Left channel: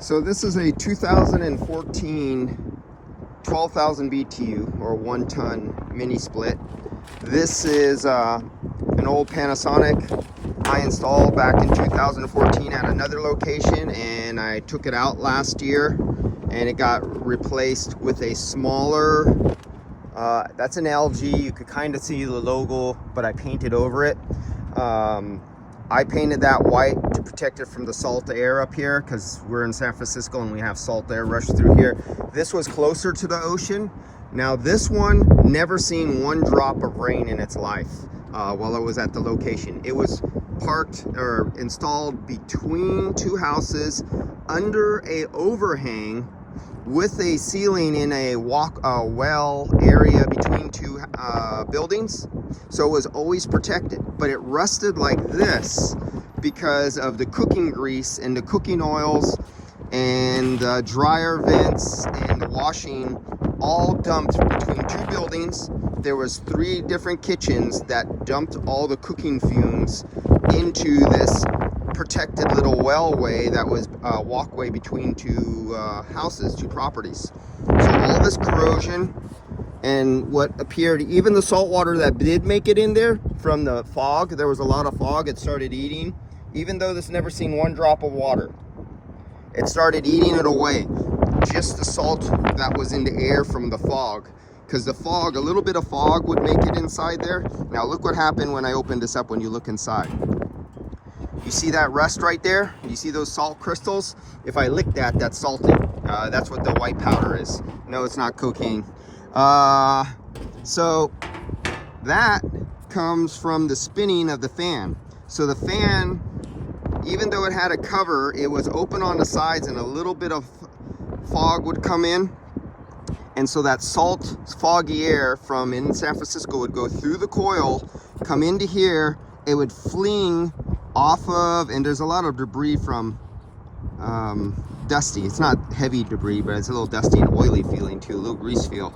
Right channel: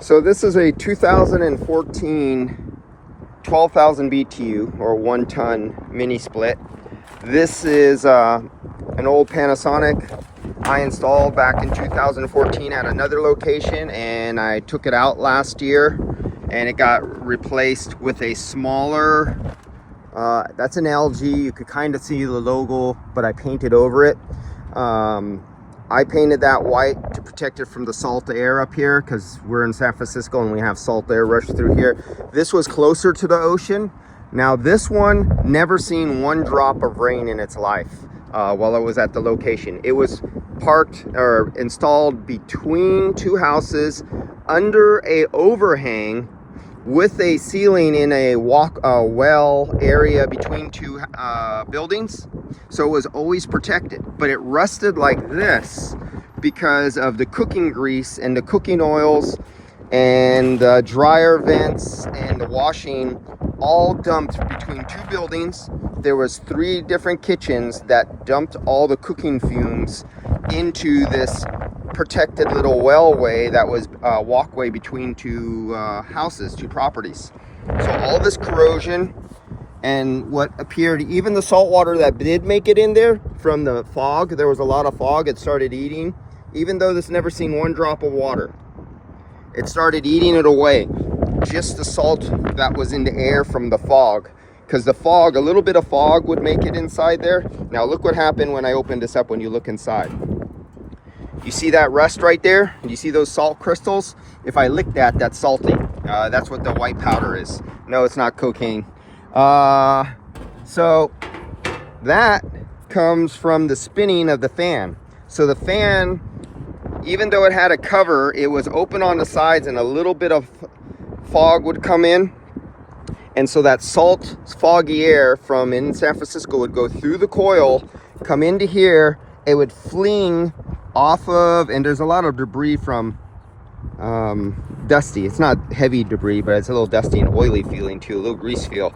So this is a 2014 12,000 BTU or 1-ton mini split. This is an old Panasonic I installed back in 2014 at another location, and I took it out last year and it got replaced with a smaller, that's an LG. You could kind of see the logo, but I painted over it. I painted that white to protect it from the salt air up here because we're in San Francisco and we have salt air rush through here. This was closer to the ocean. Now this one never seen one drop of rain in its life while it was at the location. It was parked or installed between two houses under a overhang with a ceiling in a well area between two buildings, so it was always protected. But it rusted like this because of the cooking grease and the cooking oils and the dryer vents and the washing all dumped between two buildings. There was 3 different kitchens that dumped all the cooking fumes into this protected little wellway that was a walkway between two houses, two properties. So all this corrosion and what appeared, even the salt water that did make it in there from the fog, there was a lot of fog, it started eating. Even though this never seen one drop of water, it started eating it away. Just the salt that was in the air from the fog. Because the fog, a little bit of fog would make it inside there. Now look what happened when I opened this up when you look inside. You see that rust right there? You see those salt crystals? If I lick that, that's salty. That's what the white powder is. No, it's not cocaine. So that comes from the spinning of the fan. So the fan, even though it had a cover, it was open on the sides and a little bit of fog would come in. And so that salt, foggy air from in San Francisco would go through the coil, come into here, it would fling off of, and there's a lot of debris from dusty. It's not heavy debris, but it's a little dusty and oily feeling too, a little grease feel.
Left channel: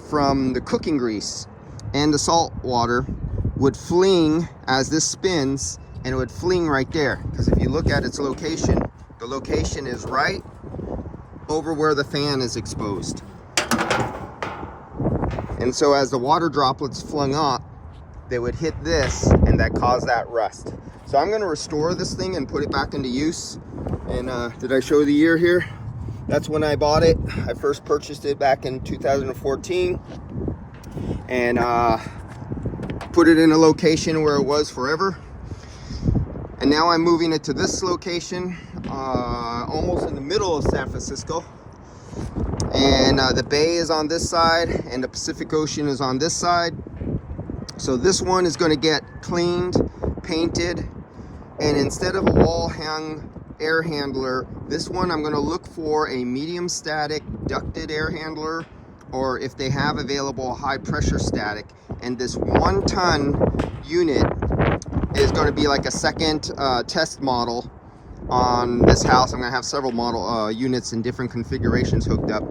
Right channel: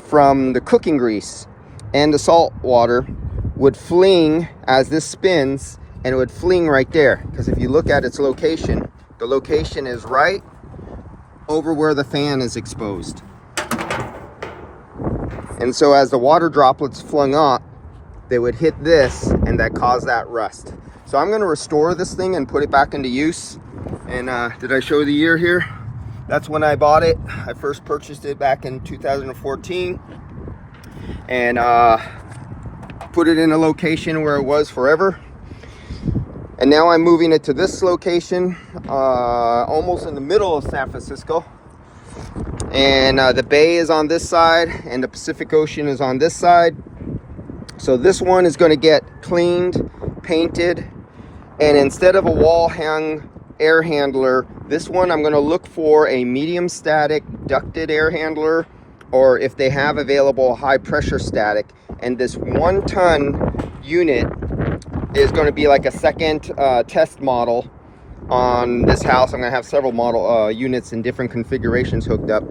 From the cooking grease and the salt water would fling as this spins, and it would fling right there. Because if you look at its location, the location is right over where the fan is exposed. And so as the water droplets flung up, they would hit this, and that caused that rust. So I'm gonna restore this thing and put it back into use. And did I show the year here? That's when I bought it. I first purchased it back in 2014 and put it in a location where it was forever. And now I'm moving it to this location, almost in the middle of San Francisco. And the bay is on this side and the Pacific Ocean is on this side. So this one is going to get cleaned, painted, and instead of a wall hang air handler, this one I'm going to look for a medium static ducted air handler, or if they have available high pressure static. And this 1-ton unit is going to be like a second test model on this house. I'm going to have several model units in different configurations hooked up.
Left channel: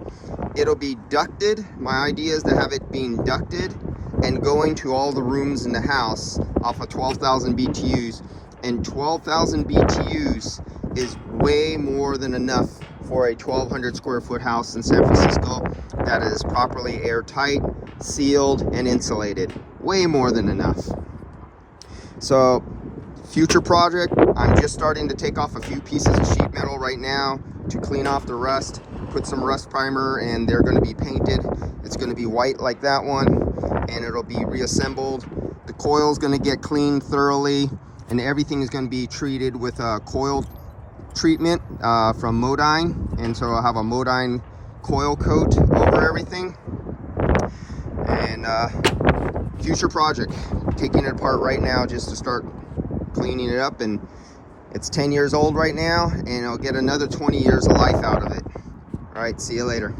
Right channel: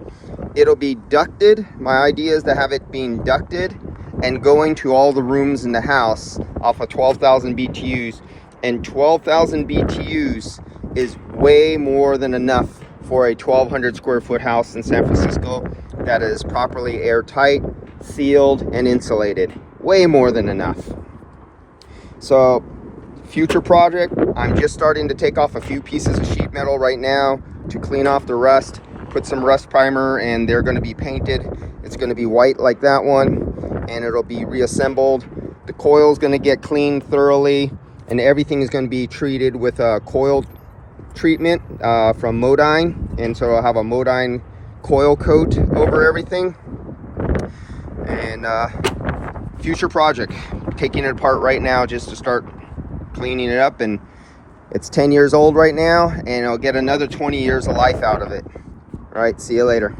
It'll be ducted. My idea is to have it being ducted and going to all the rooms in the house off of 12,000 BTUs. And 12,000 BTUs is way more than enough for a 1,200 square foot house in San Francisco that is properly airtight, sealed, and insulated. Way more than enough. So, future project, I'm just starting to take off a few pieces of sheet metal right now to clean off the rust, put some rust primer, and they're going to be painted. It's going to be white like that one, and it'll be reassembled. The coil's going to get cleaned thoroughly, and everything is going to be treated with a coil treatment from Modine. And so I'll have a Modine coil coat over everything. And future project, taking it apart right now just to start cleaning it up. And it's 10 years old right now, and I'll get another 20 years of life out of it. All right, see you later.